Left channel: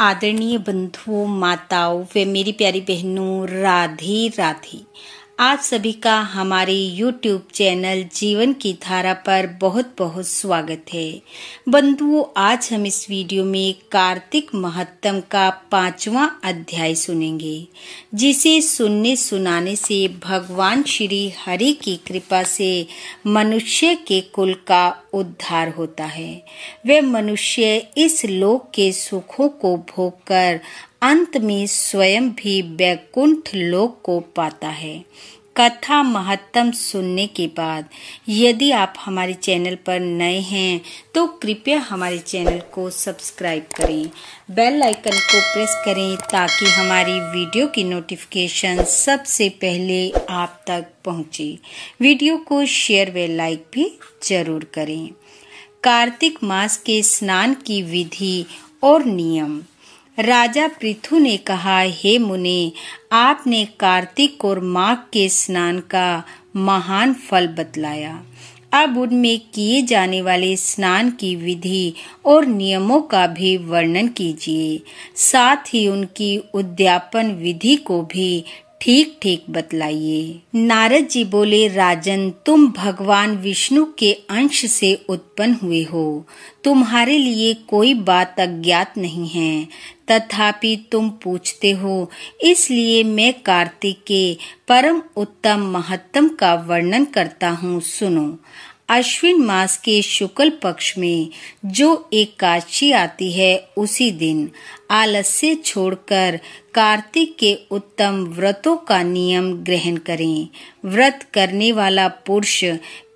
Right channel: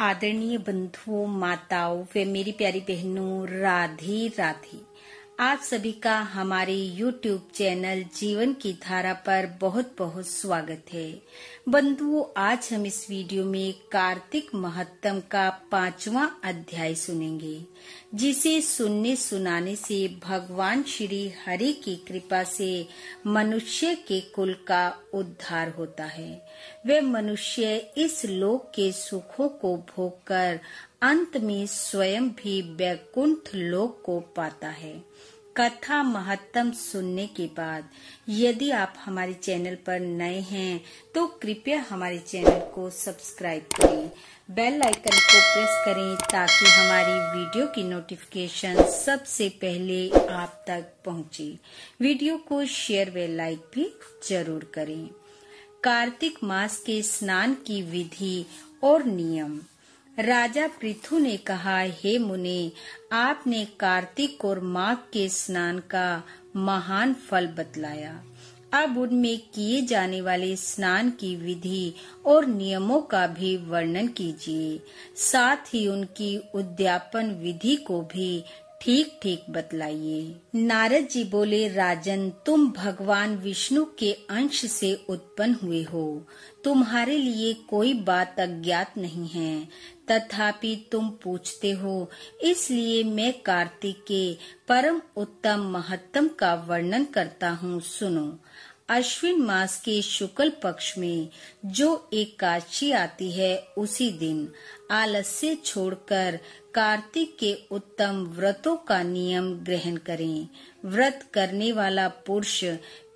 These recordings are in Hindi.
आदरणीय बंधुओं, माताओं व मेरी प्यारी बहनों, राधे राधे। आप सभी का हमारे YouTube चैनल जीवन की धारा पर बहुत बहुत स्वागत है। बंधुओं, आज हम इस वीडियो में कार्तिक महात्म का 5वां अध्याय सुनेंगे, जिसे सुनने सुनाने से भगवान श्री हरि की कृपा से मनुष्य के कुल का उद्धार होता है। वे मनुष्य इस लोक के सुखों को भोगकर अंत में स्वयं भी वैकुंठ लोक को पाता है। कथा महत्तम सुनने के बाद यदि आप हमारे चैनल पर नए हैं तो कृपया हमारे चैनल को सब्सक्राइब करें, बेल आइकन को प्रेस करें ताकि हमारी वीडियो की नोटिफिकेशन सबसे पहले आप तक पहुंचे। वीडियो को शेयर व लाइक भी जरूर करें। कार्तिक मास के स्नान की विधि और नियम। राजा पृथु ने कहा, हे मुने, आपने कार्तिक और माघ के स्नान का महान फल बतलाया। अब उनमें किए जाने वाले स्नान की विधि और नियमों का भी वर्णन कीजिए, साथ ही उनकी उद्यापन विधि को भी ठीक ठीक बतलाइए। नारद जी बोले, राजन, तुम भगवान विष्णु के अंश से उत्पन्न हुए हो। तुम्हारे लिए कोई बात अज्ञात नहीं है, तथापि तुम पूछते हो, इसलिए मैं कार्तिक के परम उत्तम महत्तम का वर्णन करता हूँ। सुनो। अश्विन मास के शुक्ल पक्ष में जो एकादशी आती है, उसी दिन आलस्य छोड़कर कार्तिक के उत्तम व्रतों का नियम ग्रहण करें। व्रत करने वाला पुरुष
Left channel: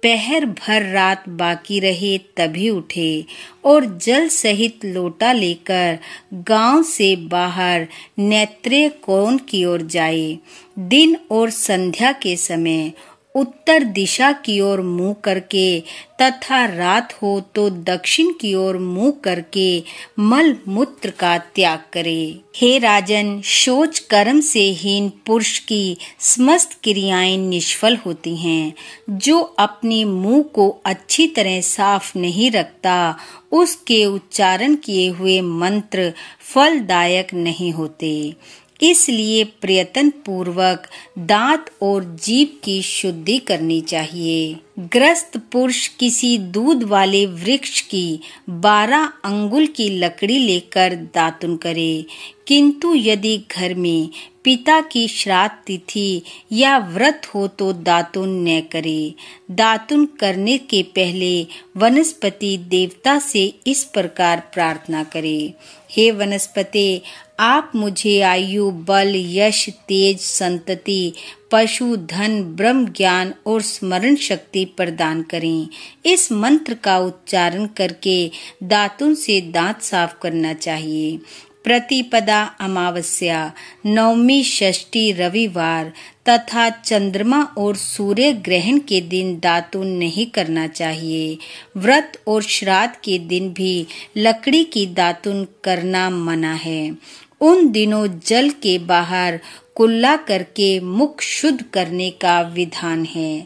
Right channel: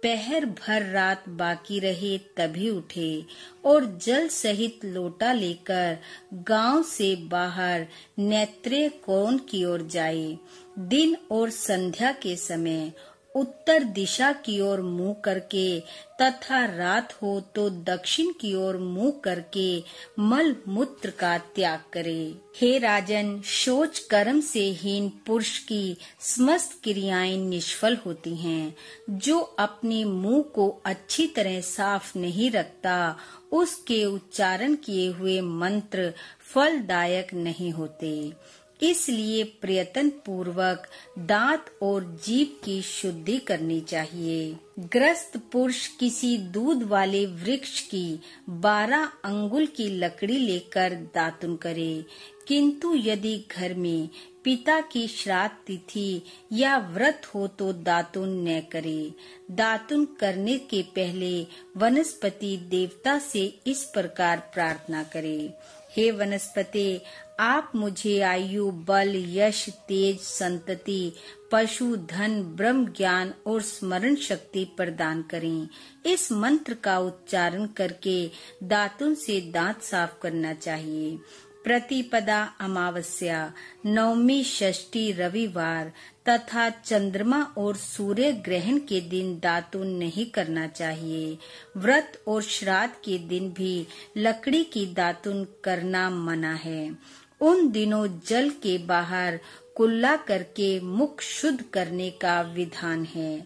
पहर भर रात बाकी रहे तभी उठे और जल सहित लोटा लेकर गांव से बाहर नेत्रेय कोण की ओर जाए। दिन और संध्या के समय उत्तर दिशा की ओर मुंह करके तथा रात हो तो दक्षिण की ओर मुंह करके मल मूत्र का त्याग करे। हे राजन, शौच कर्म से हीन पुरुष की समस्त क्रियाएं निष्फल होती हैं। जो अपने मुंह को अच्छी तरह साफ नहीं रखता, उसके उच्चारण किए हुए मंत्र फलदायक नहीं होते। इसलिए प्रयत्न पूर्वक दांत और जीभ की शुद्धि करनी चाहिए। ग्रस्त पुरुष किसी दूध वाले वृक्ष की 12 अंगुल की लकड़ी लेकर दातुन करे, किंतु यदि घर में पिता की श्राद्ध तिथि या व्रत हो तो दातुन न करे। दातुन करने के पहले वनस्पति देवता से इस प्रकार प्रार्थना करे, हे वनस्पति, आप मुझे आयु, बल, यश, तेज, संतति, पशु, धन, ब्रह्म ज्ञान और स्मरण शक्ति प्रदान करें। इस मंत्र का उच्चारण करके दातुन से दांत साफ करना चाहिए। प्रतिपदा, अमावस्या, नवमी, षष्ठी, रविवार तथा चंद्रमा और सूर्य ग्रहण के दिन दातुन नहीं करना चाहिए। व्रत और श्राद्ध के दिन भी लकड़ी की दातुन करना मना है। उन दिनों जल के बाहर कुल्ला करके मुख शुद्ध करने का विधान है।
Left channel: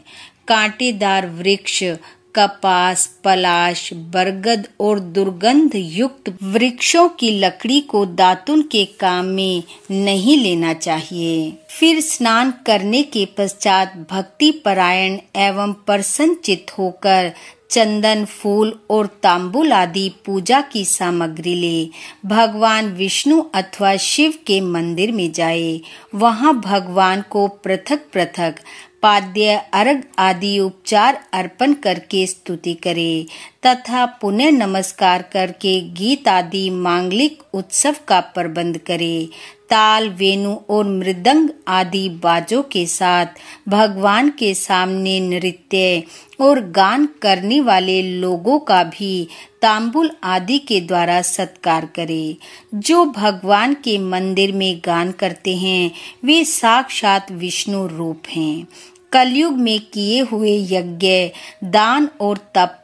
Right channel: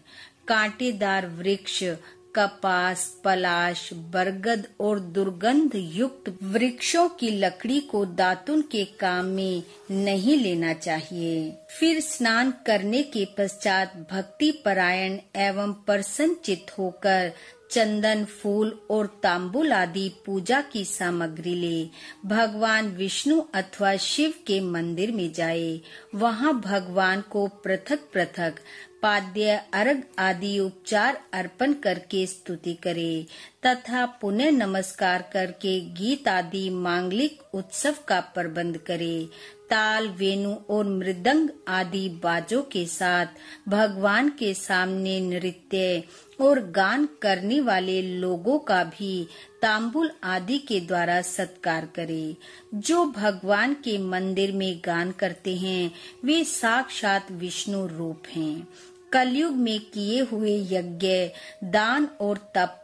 कांटेदार वृक्ष, कपास, पलाश, बरगद और दुर्गंध युक्त वृक्षों की लकड़ी को दातुन के काम में नहीं लेना चाहिए। फिर स्नान करने के पश्चात भक्ति परायण एवं प्रसन्न चित्त होकर चंदन, फूल और तांबुल आदि पूजा की सामग्री ले भगवान विष्णु अथवा शिव के मंदिर में जाए। वहां भगवान को पृथक पृथक पाद्य, अर्घ आदि उपचार अर्पण करके स्तुति करे तथा पुनः नमस्कार करके गीत आदि मांगलिक उत्सव का प्रबंध करे। ताल, वेणु और मृदंग आदि बाजों के साथ भगवान के सामने नृत्य और गान करने वाले लोगों का भी तांबुल आदि के द्वारा सत्कार करे। जो भगवान के मंदिर में गान करते हैं, वे साक्षात विष्णु रूप हैं। कलयुग में किए हुए यज्ञ, दान और तप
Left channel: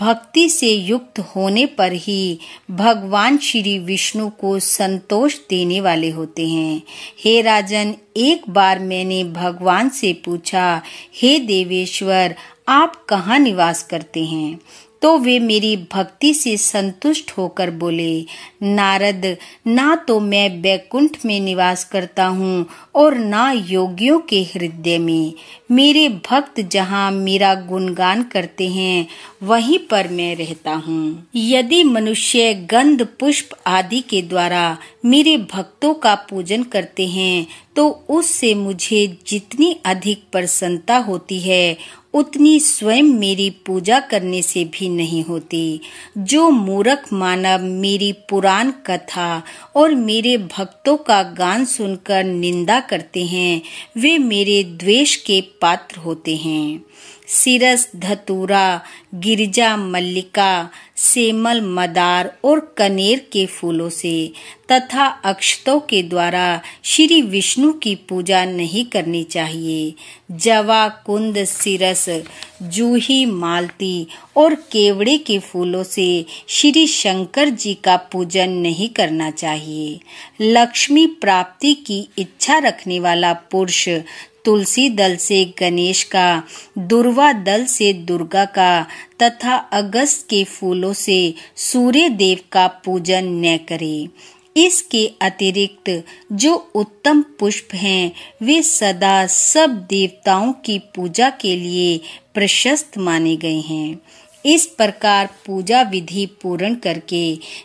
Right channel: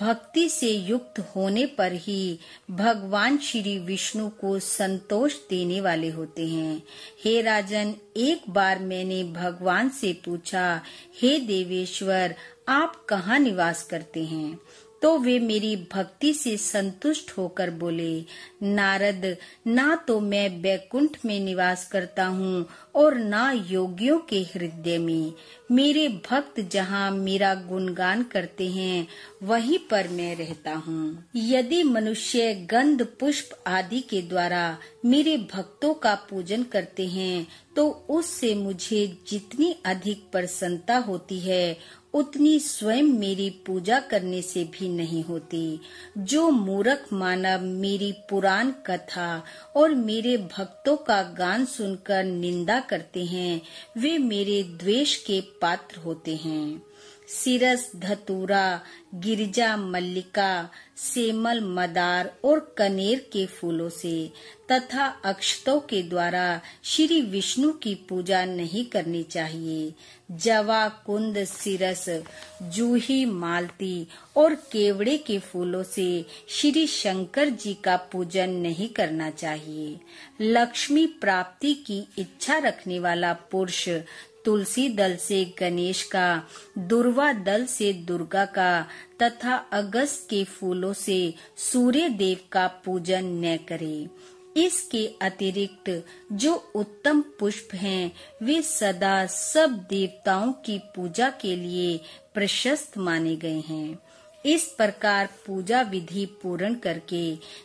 भक्ति से युक्त होने पर ही भगवान श्री विष्णु को संतोष देने वाले होते हैं। हे राजन, एक बार मैंने भगवान से पूछा, हे देवेश्वर, आप कहाँ निवास करते हैं? तो वे मेरी भक्ति से संतुष्ट होकर बोले, नारद, ना तो मैं वैकुंठ में निवास करता हूँ और ना योगियों के हृदय में। मेरे भक्त जहाँ मेरा गुणगान करते हैं वहीं पर मैं रहता हूँ। यदि मनुष्य गंध पुष्प आदि के द्वारा मेरे भक्तों का पूजन करते हैं तो उससे मुझे जितनी अधिक प्रसन्नता होती है उतनी स्वयं मेरी पूजा करने से भी नहीं होती। जो मूर्ख मानव मेरी पुराण कथा और मेरे भक्तों का गान सुनकर निंदा करते हैं वे मेरे द्वेष के पात्र होते हैं। सिरस धतूरा, गिरजा मल्लिका, सेमल मदार और कनेर के फूलों से तथा अक्षतों के द्वारा श्री विष्णु की पूजा नहीं करनी चाहिए। जवा, कुंद, सिरस, जूही, मालती और केवड़े के फूलों से श्री शंकर जी का पूजन नहीं करना चाहिए। लक्ष्मी प्राप्ति की इच्छा रखने वाला पुरुष तुलसी दल से गणेश का, दुर्वा दल से दुर्गा का तथा अगस्त के फूलों से सूर्य देव का पूजन न करे। इसके अतिरिक्त जो उत्तम पुष्प हैं वे सदा सब देवताओं की पूजा के लिए प्रशस्त माने गए हैं। इस प्रकार पूजा विधि पूर्ण करके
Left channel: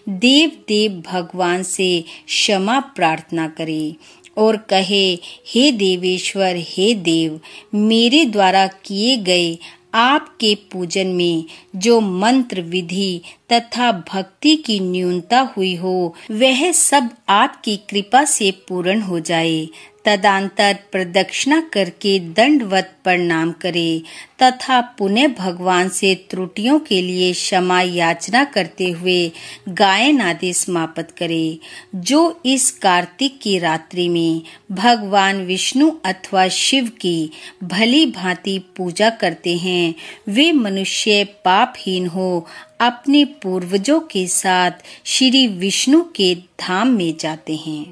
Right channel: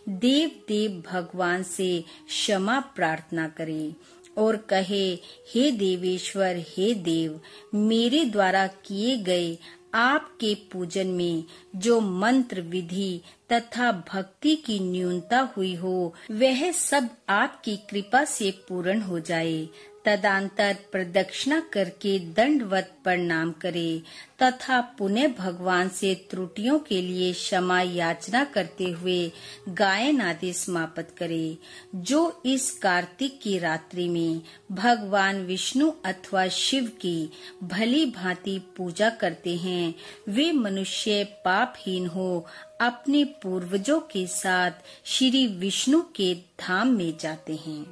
देव भगवान से क्षमा प्रार्थना करे और कहे, हे देवेश्वर, हे देव, मेरे द्वारा किए गए आपके पूजन में जो मंत्र विधि तथा भक्ति की न्यूनता हुई हो वह सब आपकी कृपा से पूर्ण हो जाए। तदंतर प्रदक्षिणा करके दंडवत प्रणाम करे तथा पुनः भगवान से त्रुटियों के लिए क्षमा याचना करते हुए गायन आदि समाप्त करे। जो इस कार्तिक की रात्रि में भगवान विष्णु अथवा शिव की भली भांति पूजा करते हैं वे मनुष्य पापहीन हो अपने पूर्वजों के साथ श्री विष्णु के धाम में जाते हैं।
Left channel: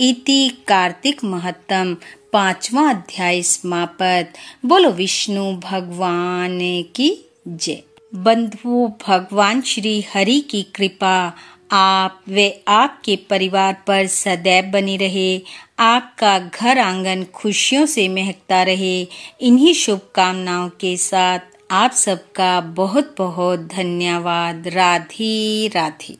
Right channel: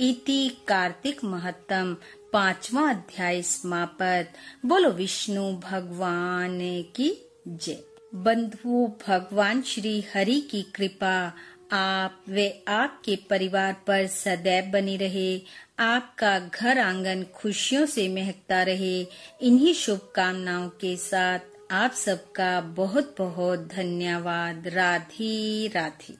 इति कार्तिक महत्तम 5वां अध्याय समाप्त। बोलो विष्णु भगवान की जय। बंधु, भगवान श्री हरि की कृपा आप व आपके परिवार पर सदैव बनी रहे। आपका घर आंगन खुशियों से महकता रहे। इन्हीं शुभकामनाओं के साथ आप सबका बहुत बहुत धन्यवाद। राधे राधे।